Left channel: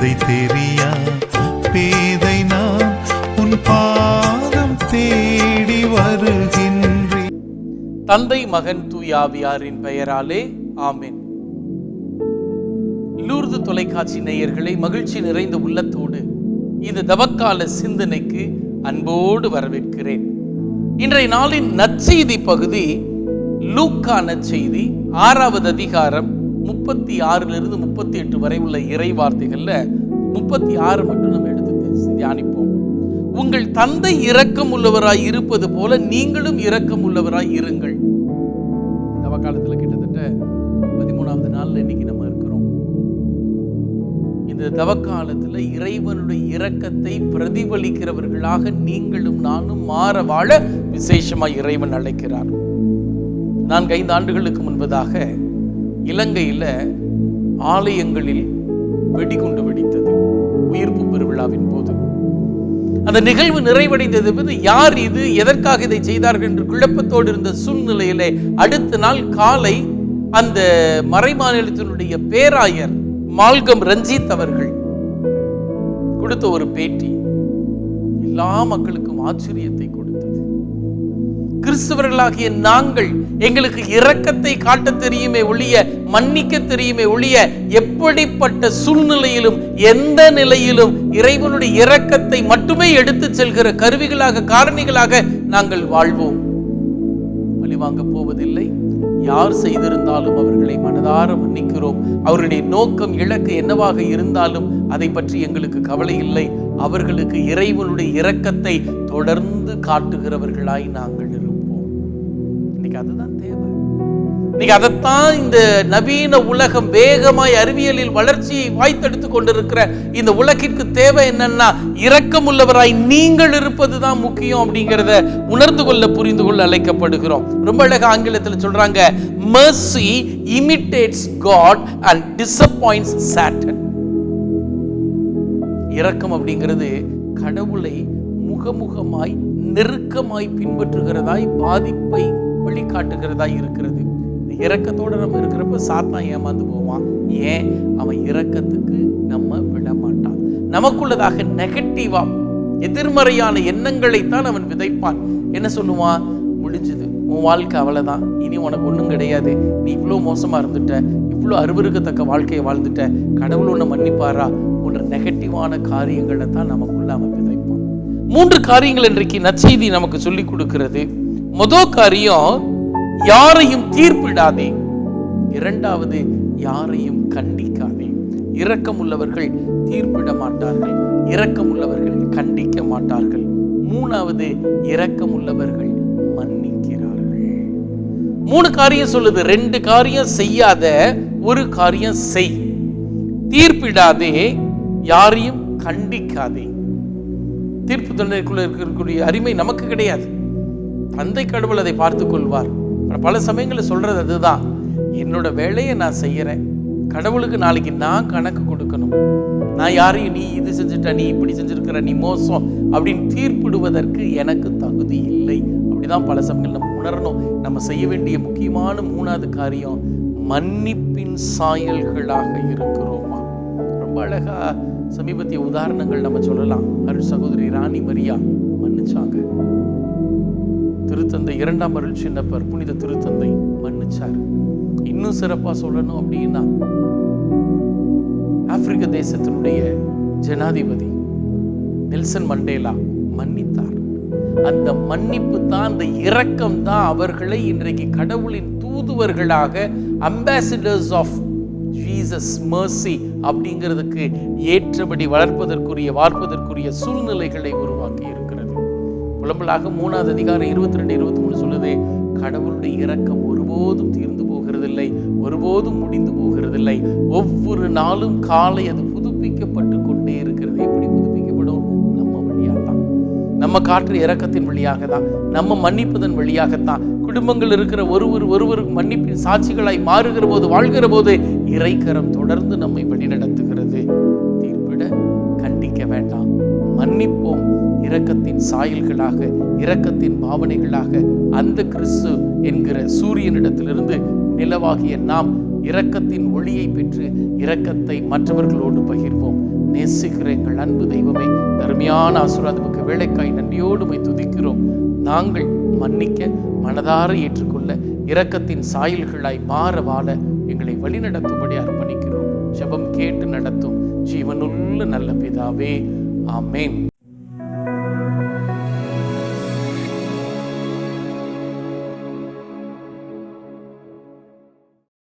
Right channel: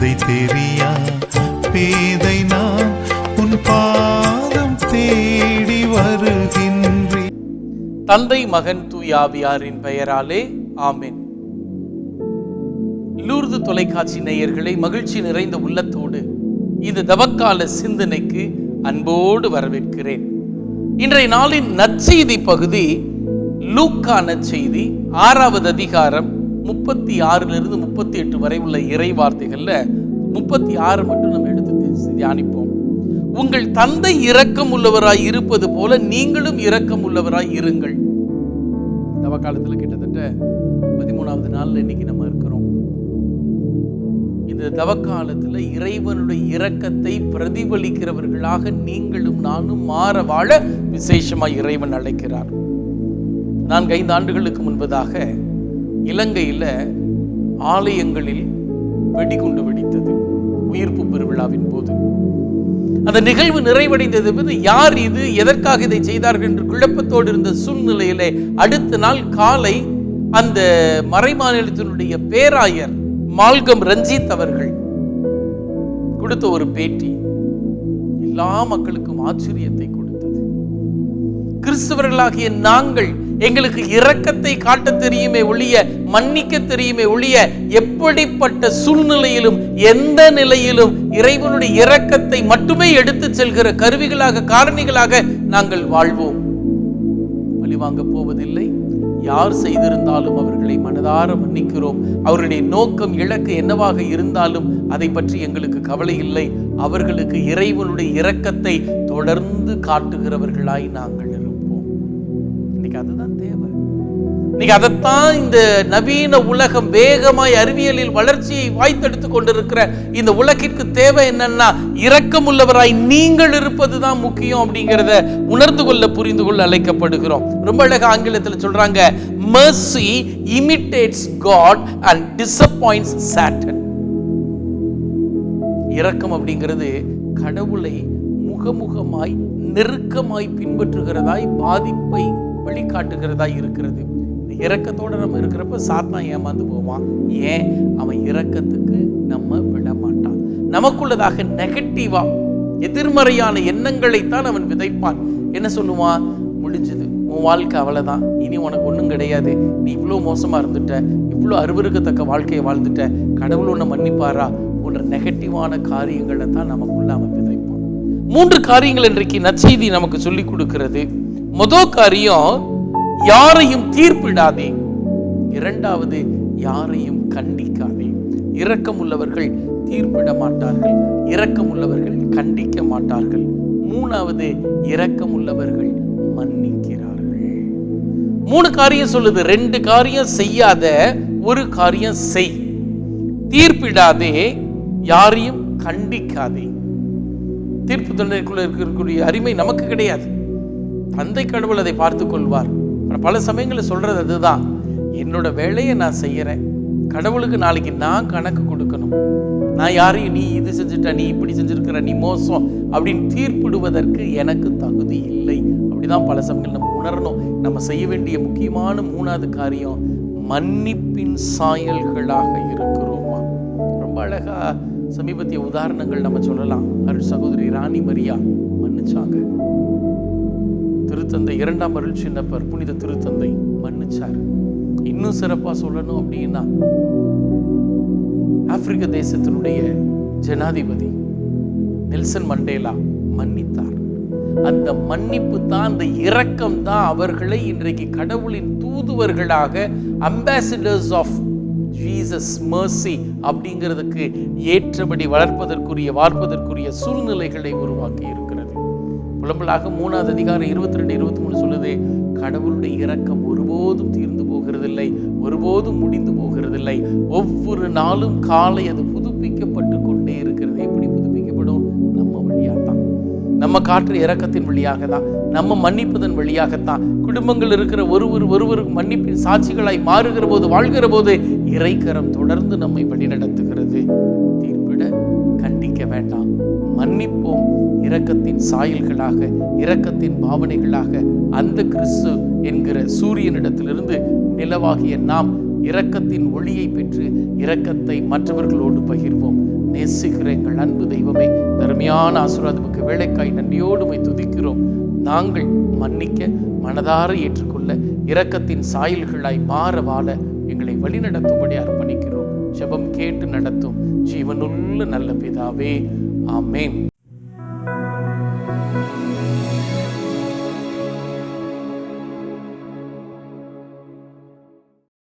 தாரும் பாதை தெரியா பேதை நான் உன் பாதம் தேடி வருகின்றேன். தந்தை மகன் தூயாவியாரின் பெயராலே ஆமேன். லூர்து தொலைக்காட்சி நேயர்களை மகிழ்ச்சி நிறைந்த உள்ளத்தோடு இந்த தவக்கால சிந்தனைக்கு அன்போடு வரவேற்கிறேன். இன்றைய நாளின் நற்செய்தி பகுதி லூக்கா நற்செய்தி ஆறாவது அதிகாரம் முப்பத்தி ஆறிலிருந்து முப்பத்தி எட்டு வரை உள்ள இறை வார்த்தைகளில் முப்பத்தி ஆறு மட்டும் நம்ம எடுத்து தியானிப்போம். உங்கள் தந்தை இரக்கம் உள்ளவராய் இருப்பது போல நீங்களும் இரக்கம் உள்ளவராய் இருங்கள். தவ காலத்தில் கிட்டத்தட்ட பதிமூணாவது நாள்ல இன்னைக்கு நம்ம இருக்கிறோம். இந்த தவக்காலத்துல இறைவனுடைய இரக்கத்தை பிரதிபலிக்கிறவர்களாக நீங்களும் நானும் மாற வாழ விசேஷமா இறைவன் அழைக்கிறார். நான்கு ஐந்து ஆண்டுகளுக்கு முன்பதாக இலங்கையில ஆலயங்களில் வெடிகுண்டு வெடித்தது. உயிர்ப்பு பெருவிழாவின் போது. அந்த நிகழ்வு நிறைவடைந்தது யார் இது எதற்காக இதை செய்தார்கள் என்று குழப்பத்தோடு இருந்த சூழ்நிலையிலே அடுத்த நாள் காலை அந்த மறைமாநிலத்தினுடைய பேராயர் மால்கம் ரஞ்சித் அவர்கள் கொடுத்த ஒரு பேட்டி எல்லா மக்களுக்கும் ஆச்சரியத்தை கொடுத்தது. கிறிஸ்தவர்களாகிய நாங்கள் எங்களுக்கு இரக்கத்தை காட்ட தெரியுமே ஒழிய மன்னிக்க தெரியுமே ஒழிய எப்படிப்பட்ட சூழ்நிலையிலும் எந்த நிலையிலும் இறைவனுடைய இரக்கத்தை மட்டுமே எடுத்து செல்கிற கருவிகளாக காரணிகளாக நாங்கள் வாழ்வோம். பழிவாங்க போவதில்லை. யார் செய்திருந்தாலும் அவர்களை மனதார மன்னிக்கிறோம். அவருடைய நோக்கம் இலக்கு என்னவாக இருந்தாலும் அதை பற்றி எங்களுக்கு கவலை இல்லை. அவர்களுக்கு இறைவனுடைய இரக்கத்தை தொடர்ந்து காட்டுகிறவர்களாய் நாங்கள். இன்னைக்கு அதுதான் தேவை. இன்னைக்கு அதைத்தான் இந்த நவீன உலகம் வேகமாய் அறிவியலில் வளர்ச்சியை வாய்த்தெடுத்து கொண்டிருக்கிற இந்த உலகிற்கு தேவை என்னன்னா இரக்கமுள்ளவராய் நீங்கள் இருப்பதுதான் முக்கியம் அப்படிங்கிறத உணர்ந்து கொள்ள புரிந்து கொள்ள அழைக்கப்படுகிறோம். ரொம்ப அழகா ஆங்கிலத்தில் சொல்றாங்க mercy imitates God and disappoints Satan இரக்கம் அப்படிங்கிறது கடவுளை முகமுகமாய் நெருக்கமாய் பின்பற்றுகிறதாய் பாதிப்பை வெளிக்காட்டுகிறதா இருக்கிறது. இந்த இறக்கத்தோடு நம்ம இருக்கிறப்ப சாத்தான் ஏமாந்து போவான். ஏன்? அவன் இறக்கத்துக்கு நம்ம விட மாட்டான் நமக்குள்ளதாக நெகட்டிவா எதிர்மறையான எண்ணங்களைத்தான் அவன் விதைப்பான். என்ன சொல்லுவான்? முடிஞ்சது. உன் வாழ்க்கை அவ்வளவுதான். இனி உனக்கு ஒன்றும் கிடையாது. நீ இவ்வளோ மோசமா இருந்துட்ட. இவ்வளோ அருவருக்கத்தக்க வாழ்க்கையை வாழ்ந்துட்ட. கடவுள் உன்னை மன்னிப்பாரா? போன்ற நெகட்டிவான காரியங்களை தான் நமக்குள்ள அவன் விதைப்பான். மூன்று காரியங்கள் இன்றைக்கு நற்செய்தி நமக்கு சொல்லிக் கொடுக்கிறது. முதல் காரியம் யாரையும் தீர்ப்பிடாதே. இரண்டாவது யாரையும் கண்டிக்காதே. இரக்கம் உள்ளவர்கள் தீர்ப்பிட மாட்டார்கள் இரக்கம் உள்ளவர்கள் கண்டிக்க மாட்டார்கள் மூணாவது இரக்கம் உள்ளவர்கள் மன்னிக்கிறார்கள். மூணு காரியம் சொல்லுது ரெண்டு காரியம் செய்யாத ஒரு காரியம் செய். தீர்ப்பிடாதே யாரையும் கண்டிக்காதே. தீர்ப்பு தண்டனைக்குள்ள இருக்கக்கூடிய அருமை நமக்கு கிடையாது. தந்தை கடவுள் அதை பார்த்துக் கொள்வார் பல சமயங்களில் சொல்றது அதுதான். என்னோட வேலையை நான் செய்யறேன். கடவுளுக்கு நாளைக்கு நான் கணக்கு கொடுக்கணும். நான் யாரையும் நீ இது செஞ்சுட்ட நீ இப்படி செஞ்சிருக்கிற நீ மோசம் அப்படின்னு தீர்ப்பிடுவதற்கு எனக்கு தகுதி இல்லை. அப்படிதான் பல சமயங்கள் நம்ம உணரணும். நம்ம செய்ய வேண்டிய முக்கியமான மூணாவது காரியம் மன்னிப்பின் சாயல்களாக இருக்கிறோமா? ரொம்ப அழகா சமீபத்திய உதாரணங்கள் நம்ம சொல்லலாம். அருள் சகோதரி ராணி மரியா மன்னிச்சாங்க. திருத்தந்தை இரண்டாம் அருள் சின்னப்பர் புனித திருத்தந்தை மன்னிச்சார். இன்னும் சிறப்பாக சொல்லணும் அப்படின்னா ஆப்பிரிக்க தேசத்தினுடைய ஜனாதிபதி நெல்சன் மண்டேலா மன்னித்தார். அந்த மன்னிப்பு தான் அந்த இரக்கம் தான் அவர்களை இன்றைக்கு கடவுளின் தூதுவர்களாக அம்பாசிடர்ஸ் ஆஃப் ஜீசஸ் மர்சி அப்படிங்கிறதுக்கு ஏற்றபடி வளர்ப்பதற்குரிய வார்ப்பதற்குரிய சூழ்நிலைகளை உருவாக்கி இருக்கிறார் புலம்பலாக மூணாவது அதிகாரம் இருபத்தி ரெண்டு இருபத்தி மூணு சொல்லுது கடவுளுடைய இரக்கம் ஒருபோதும் தீர்ந்து போகிறதில்லை ஒருபோதும் முடிந்து போகிறதில்லை. ஒவ்வொரு நாளும் காலை அது புதுப்பிக்கப்பட்டு கொண்டே இருக்கிறது. எப்படி புதுப்பிக்கப்படும்? நம்ம வழியாக தான் நம்ம காற்று இறக்கத்தின் வழியாக தான் நம்ம மன்னிப்பதன் வழியாகத்தான். குடும்பங்கள் இருக்கிற ஒருவர் ஒருவருக்கு மன்னிப்பின் சாட்சிகளாய் மாறுகிற போது வாழ்கிற போது இறைக்கரம் தொடர்ந்து நம்மை வழிநடத்துகிறது. தீர்ப்பிட கண்டிக்க வேண்டாம். மன்னிப்போம். இரக்கத்தின் சாயல்களாக இரக்கத்தின் பாவனைகளாக அந்த கிறிஸ்து என்கிற சூரியனிடத்திலிருந்து நிலவாகிய நாம் இரக்கத்தின் ஒளியை பெற்று இரக்கத்தை மற்றவர்களோடு பகிர்வோம். நேசிக்கிற எங்கள் அன்பு தெய்வமே தருமையான ஆசீர்வாதமுக்கு வேலைக்காய் நன்றியோடுமை துதிக்கிறோம். நாங்கள் மன்னிக்க மனதார ஏற்றுக்கொள்ள இரக்கத்தின் சாயல்களாய் மாற வாழ எங்களை வழிநடத்தும்படி அர்ப்பணிக்கிறோம். ஜெபம் கேட்டு நடத்தும். ஜீவனுள்ள நல்ல பிதாவே ஆமேன்.